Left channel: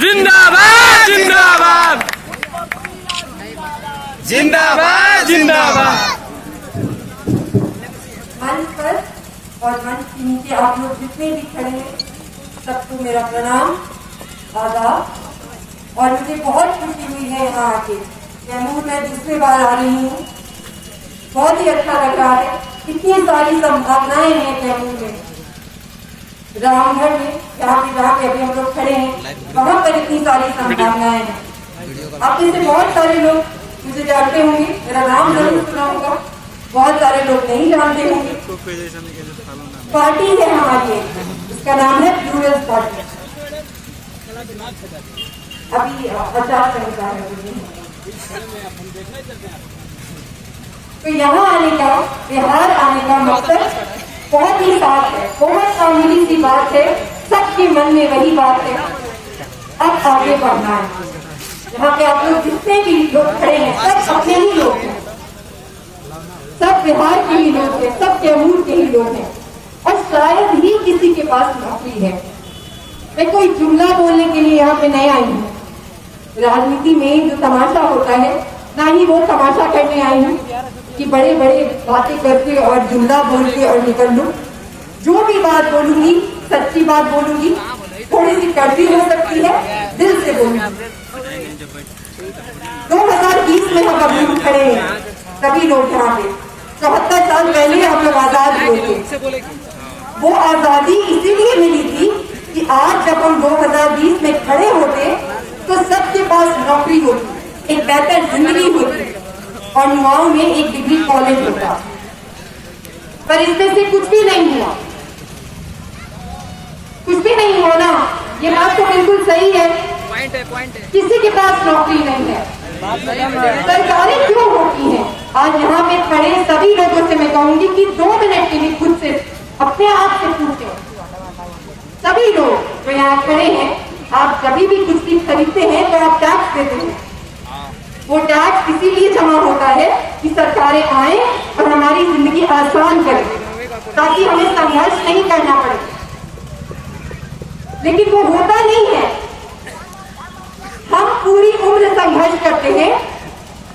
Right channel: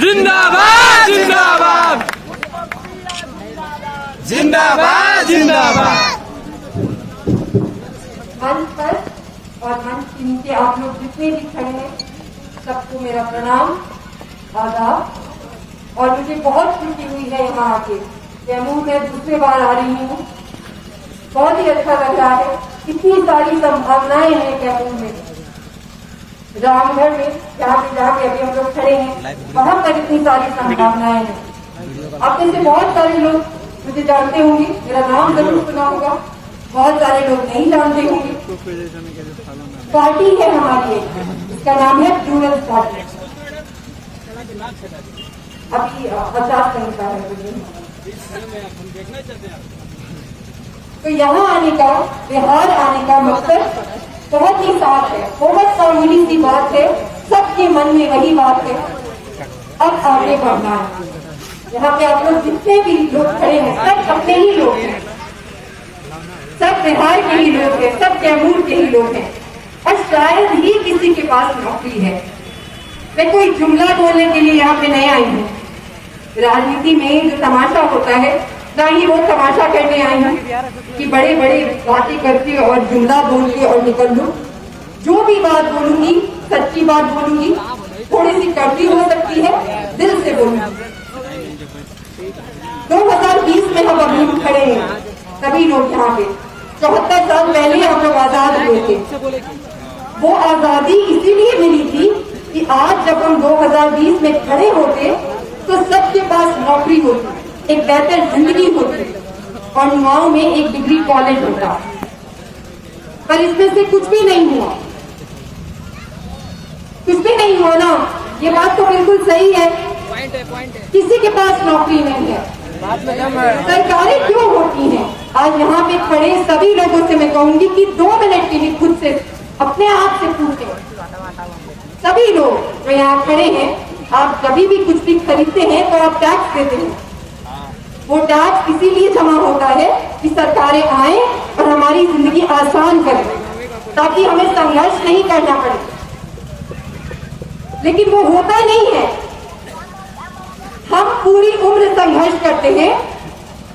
जिंदाबाद जिंदाबाद जिंदाबाद जिंदाबाद। मंच पर और मंच के नीचे आप लोग जितने भी खड़े हैं सबको मेरा प्रणाम, आदाब। और मुझे बहुत खुशी हुई है यहाँ आके। कैमूर में दूसरी बार आ रही हूँ, बहुत ही अच्छा लग रहा है। इतनी सारी संभावनाएं हैं कैमूर में, रामगढ़ में जहाँ पे जाके अभी हम लोग खड़े हैं वहाँ पर इतनी सारी संभावनाएं हैं। आप में से बहुत सारे लोग मुझे जानते होंगे, मेरा नाम जरूर सुना होगा, बहुत सारे लोग नहीं जानते होंगे। पार्टी है हमारी, इसका नाम है यूएस पार्टी। अभी आचार संहिता है। तो यहाँ आने का, बिहार आने का मकसद बहुत ही साफ है, बहुत मामूली सी बात है, सबके मन में वही बात है, अब आगे बढ़ना है। यहाँ पे आप लोग जितने भी लोग खड़े हैं सब अपने ही लोग हैं, सब बिहार के ही लोग हैं, सब कैमूर के ही लोग हैं, और शायद ही किसी के पास नौकरी है। मैं कोई जुमला बोलने के लिए यहाँ पे नहीं आई हूँ। राजनीति में जो तमाशा होता है, ना ही वो तमाशा करने आई हूँ कि बड़े बड़े बातें करके और जुमला बोल के और निकल लूं। जो भी बात बोलूंगी सच्ची बात बोलूंगी, थोड़ी सी कड़वी हो सकती है, दिल से बोलूंगी। 2020 में हम अभी खड़े हैं, सभी लोग यहाँ पे 74 साल पहले हम लोग आजाद हुए थे। वो आजादी इसीलिए मिली थी कि आज जब हम 2020 में खड़े होते तो सबके पास नौकरी होती, एक बेहतर जिंदगी होती और युवाओं में एक डिग्री कॉलेज होता। पर इसमें से कुछ भी नहीं हुआ, कुछ भी नहीं हुआ ना। ये बात तो बिल्कुल सही है, किसी के पास नौकरी नहीं है। सरकारें क्यों होती हैं? आज यहाँ पे खड़े सभी लोगों से मैं कहूंगी कि 2 मिनट के लिए खुद से अपने आप से पूछें। सभी लोग जो यहाँ खड़े हैं, आप कभी भी कुछ भी खरीदते हैं तो आप टैक्स देते हैं। वो टैक्स इसीलिए जमा होता है कि सरकारें आए और हमारी जिंदगी आसान करें, ताकि हमें संघर्ष नहीं करना पड़े। लेकिन वो होता नहीं है। हम पूरी उम्र संघर्ष करते हैं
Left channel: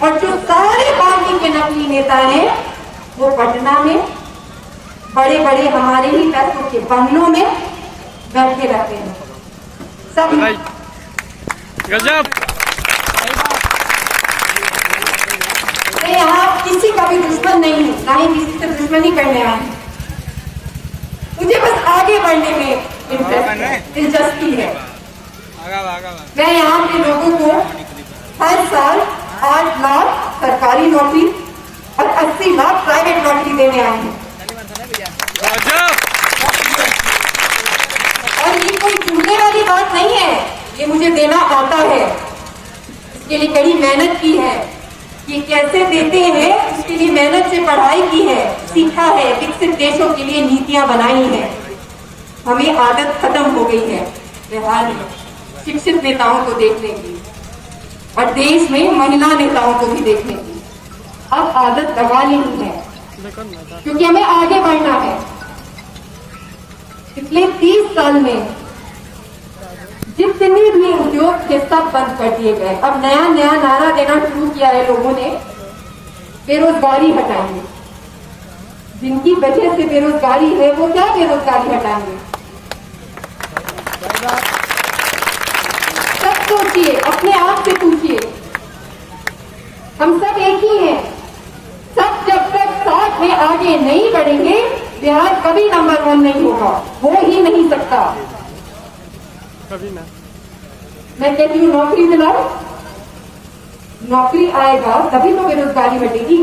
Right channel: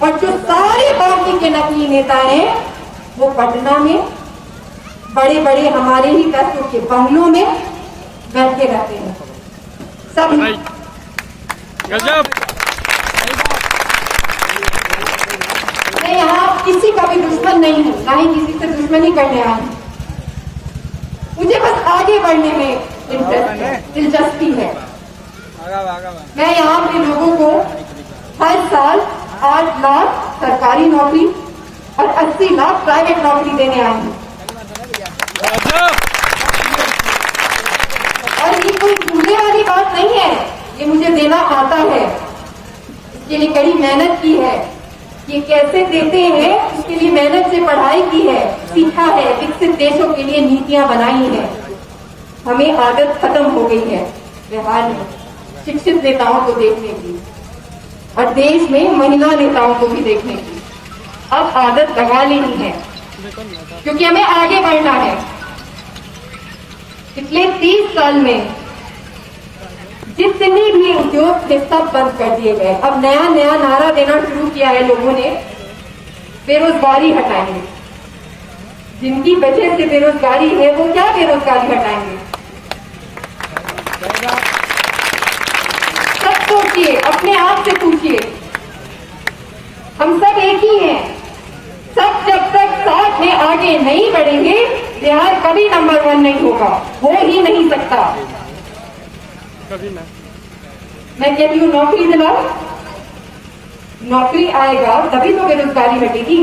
और जो सारे पार्टी के नकली नेता हैं वो पटना में बड़े बड़े हमारे ही पैसों के बंगलों में बैठे रहते हैं। सब मैं यहाँ किसी का भी दुश्मन नहीं हूँ, ना ही किसी से दुश्मनी करने आया हूँ। मुझे बस आगे बढ़ने में दिलचस्पी है। मैं यहाँ पे लोगों को हर साल 8 लाख सरकारी नौकरी और 80 लाख प्राइवेट नौकरी देने आए हैं। और ये कोई झूठे वाली बात नहीं है, ये मुझे देना आता है। इसके लिए कड़ी मेहनत की है। ये कैसे देते हैं उसके लिए मेहनत से पढ़ाई की है, सीखा है, विकसित देशों के लिए नीतियां बनाई है। हमें आदत खत्म हो गई है बिहार में शिक्षित नेताओं को देखने की और देश में महिला नेताओं को भी देखने की। अब आदत लगा लेनी है क्योंकि हमें आगे बढ़ना है। पिछले 30 साल में जितने भी उद्योग थे सब बंद कर दिए गए। अब नया नया नारा देना शुरू किया है लोगों ने, बेरोजगारी हटाएंगे। जिनकी वजह से बेरोजगारी है वो क्या बेरोजगारी हटाएंगे? सब सोचिए, अपने आप से पूछिए। हम सब एक ही हैं। सब जब तक साथ में आगे नहीं बढ़ेंगे बिहार कभी नंबर 1 नहीं होगा, हो ही नहीं सकता। कभी ना। मैं कहती हूँ नौकरी दिलाओ, नौकरी आएगा तभी तो बेरोजगारी हटेगी।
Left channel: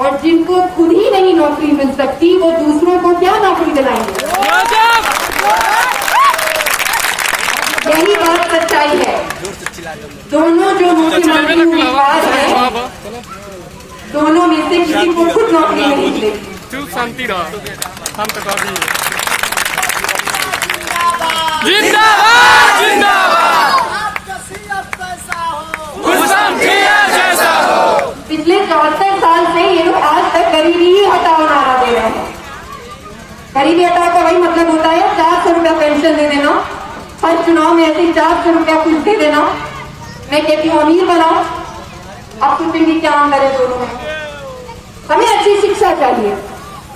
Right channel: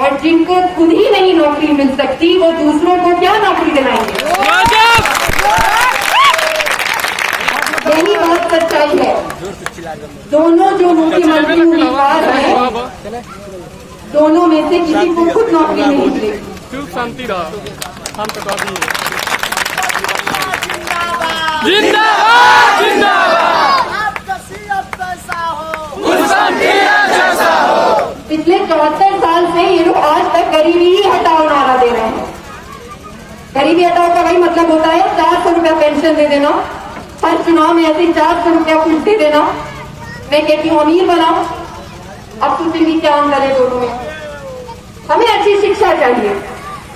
और जिनको खुद ही नहीं नौकरी मिल सकती वो दूसरों को क्या नौकरी दिलाएंगे? यही बात सच्चाई है। दोनों जो मुख्यमंत्री उम्मीदवार हैं, दोनों में से किसी को खुद नौकरी नहीं मिलेगी। शांति रहा, हम जिंदाबाद जिंदाबाद, जैसा हो। पिछले 74 साल से ये लोग आज तक गरीबी ही हटाओ नारा दे रहे हैं। गरीबी हटाओ का वही मतलब होता है 400 रुपया पेंशन दे देना, हर हर चुनाव में ऐसे 400 रुपया कुछ दे देना, मैं कहती हूँ अमीर बनाओ, अब सोचेंगे क्या अंदर है दोनों में। हमें अच्छी शिक्षा चाहिए,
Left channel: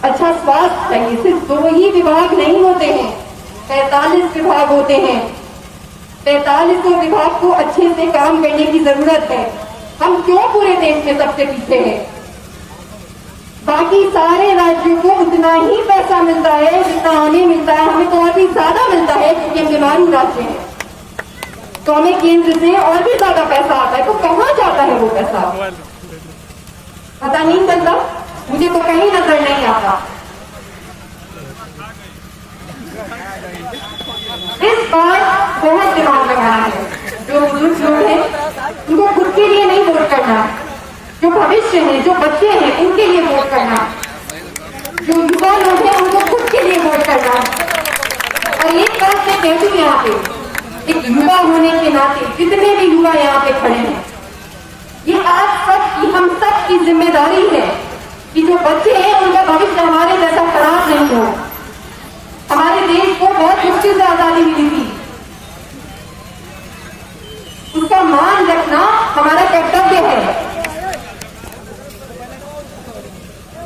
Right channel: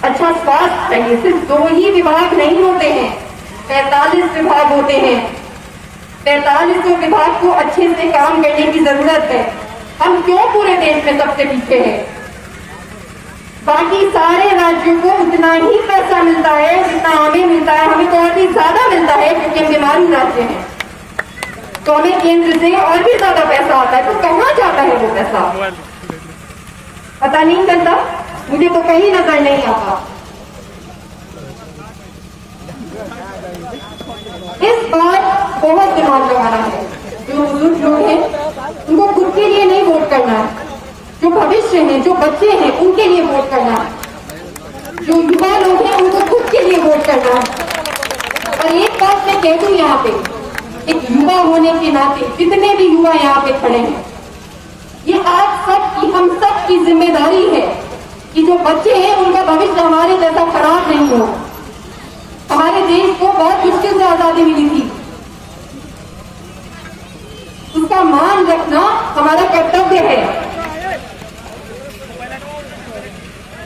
अच्छा स्वास्थ्य चाहिए। सिर्फ 2 ही विभाग नहीं होते हैं, 43 विभाग होते हैं। 43 विभाग को अच्छे से काम करने की जरूरत है। हम क्यों पूरे देश में सबसे पीछे हैं? बाकी सारे राज्यों को उतना ही पैसा मिलता है जितना हमें मिलता है, हमें तो और भी ज्यादा मिलता है क्योंकि हम बीमारू राज्य हैं। तो हमें केंद्र से और भी ज्यादा पैसा आता है, तो कहाँ जाता है वो पैसा पता नहीं चलता, मुझे तो कहीं नजर नहीं आता। इस बार बहुत दिमाग लगाना है, जो बुजुर्ग लोग हैं उनको खुद के लिए नहीं वोट करना, जो भविष्य है, जो बच्चे हैं उनके लिए वोट करना, जो युवा लोग हैं उनको खुद के लिए वोट करना। और एक बात मैं कह दूं यहाँ पे, एक युवा होने के नाते जितने भी युवा यहाँ पे खड़े हैं, ये आप सबकी, हम सब की जिम्मेदारी है कि जो बच्चे हैं उनका भविष्य हमारे जैसा खराब नहीं हो। हमारे देश को बहुत मुश्किल से आजादी मिली थी, उसका मान रखना हमारा कर्तव्य है।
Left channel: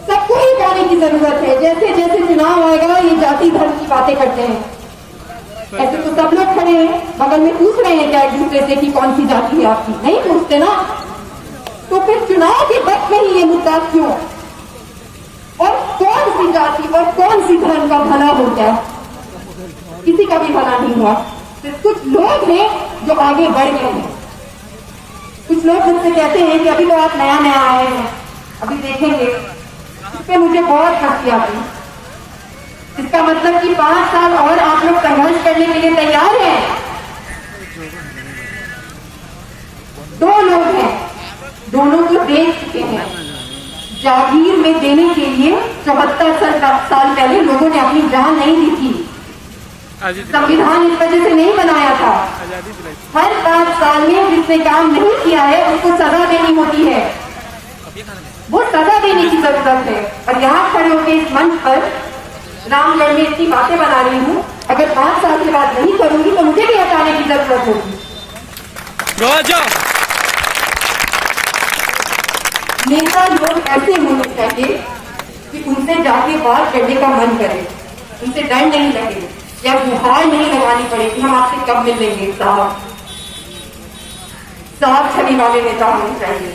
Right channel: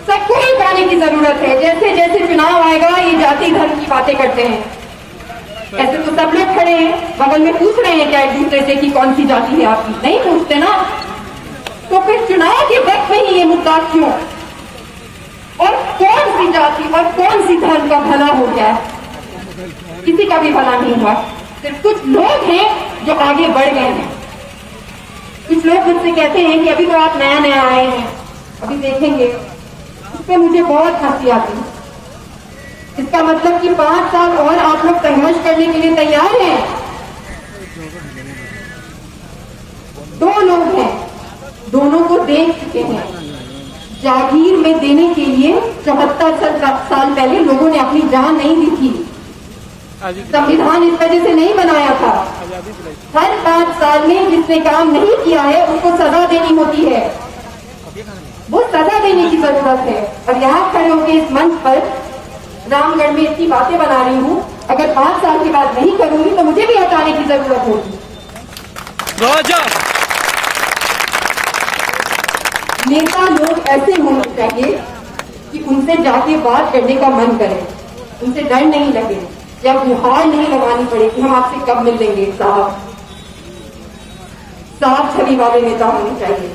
सबको ही जाने की जरूरत है। जैसे जैसे चुनाव आएगा ये जाति धर्म की बातें करते हैं, ऐसे तो सब लोग खड़े हैं बगल में पूछ रहे हैं क्या एक दूसरे से कि कौन सी जाति है आपकी, नहीं पूछते ना। तो फिर चुनाव के वक्त में ही ये मुद्दा क्यों, और कौन सी जाति और कौन सी धर्म का भला हो गया? किसी का भी भला नहीं हुआ, सिर्फ कुछ लोग हैं जो आगे बढ़ गए हैं। कुछ लोग मुझसे कहते हैं कि अभी तो आप नया नया आए हैं, अभी देखेंगे। इस पर मुझे बहुत हंसी आती। इसका मतलब कि 5 साल और आप लोग संघर्ष करने के लिए तैयार हैं? 2 लोग हैं, दोनों को देख चुके हैं। जागीर में देने के लिए 74 साल पहले लोगों ने अपनी जान नहीं दी थी। संविधान इस वजह से नहीं बनाया था। हर 5 साल में जिसने काम नहीं किया है उसको सजा देनी होती है, वो सजा देने की जरूरत है। और यहाँ खड़े होकर इस मंच पर रामगढ़ में इतनी बातें बना रही हूँ, अगर 5 साल के बाद नहीं करूंगी तो मुझे भी हटाने की जरूरत होगी। नेता लोग ऐसे होने चाहिए कि उनसे जाके बात करने का मन करे, उनसे डर नहीं लगे या गुहार नहीं लगानी पड़े कि हम आपसे कब मिलेंगे। साफ छवि वाले नेता होने चाहिए।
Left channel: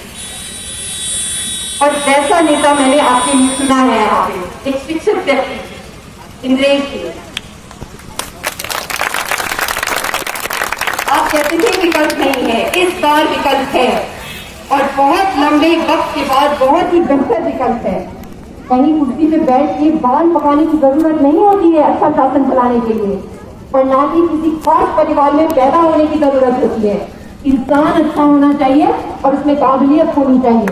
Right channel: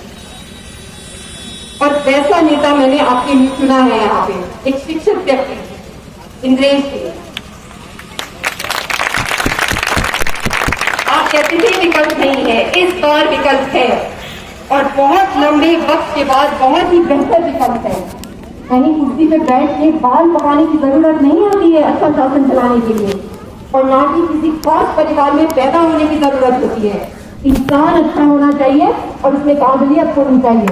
और वैसा नेता मैंने आपके लिए सुना है यहाँ पे, एक शिक्षित व्यक्ति इंद्रेश जी। आप कहते थे विकल्प नहीं है, इस बार विकल्प है, और बहुत लंबे वक्त के बाद बहुत ही बेहतर विकल्प है। कहीं कुर्सी पे बैठ के बाल पकाने की जरूरत नहीं होती है अच्छा शासन चलाने के लिए, और ना कि किसी खास परिवार में पैदा होने की जरूरत होती है। इंसान अच्छा होना चाहिए और उसमें काबिलियत होनी चाहिए,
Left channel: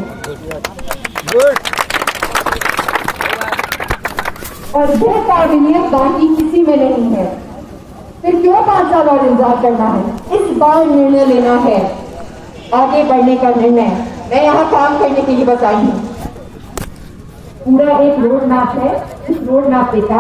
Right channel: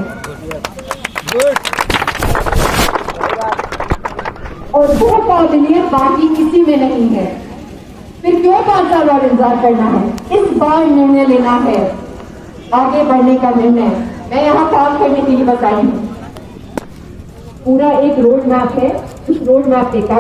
और वो काबिलियत बाकी किसी में नहीं है। फिर क्यों 5 साल और इंतजार करना है? इस बार निर्णय लेना है, आगे बढ़ने का निर्णय। मैं यहाँ काम करने के लिए बस आई हूँ। पूरा एक रोड मैप है, इस रोड मैप पे काम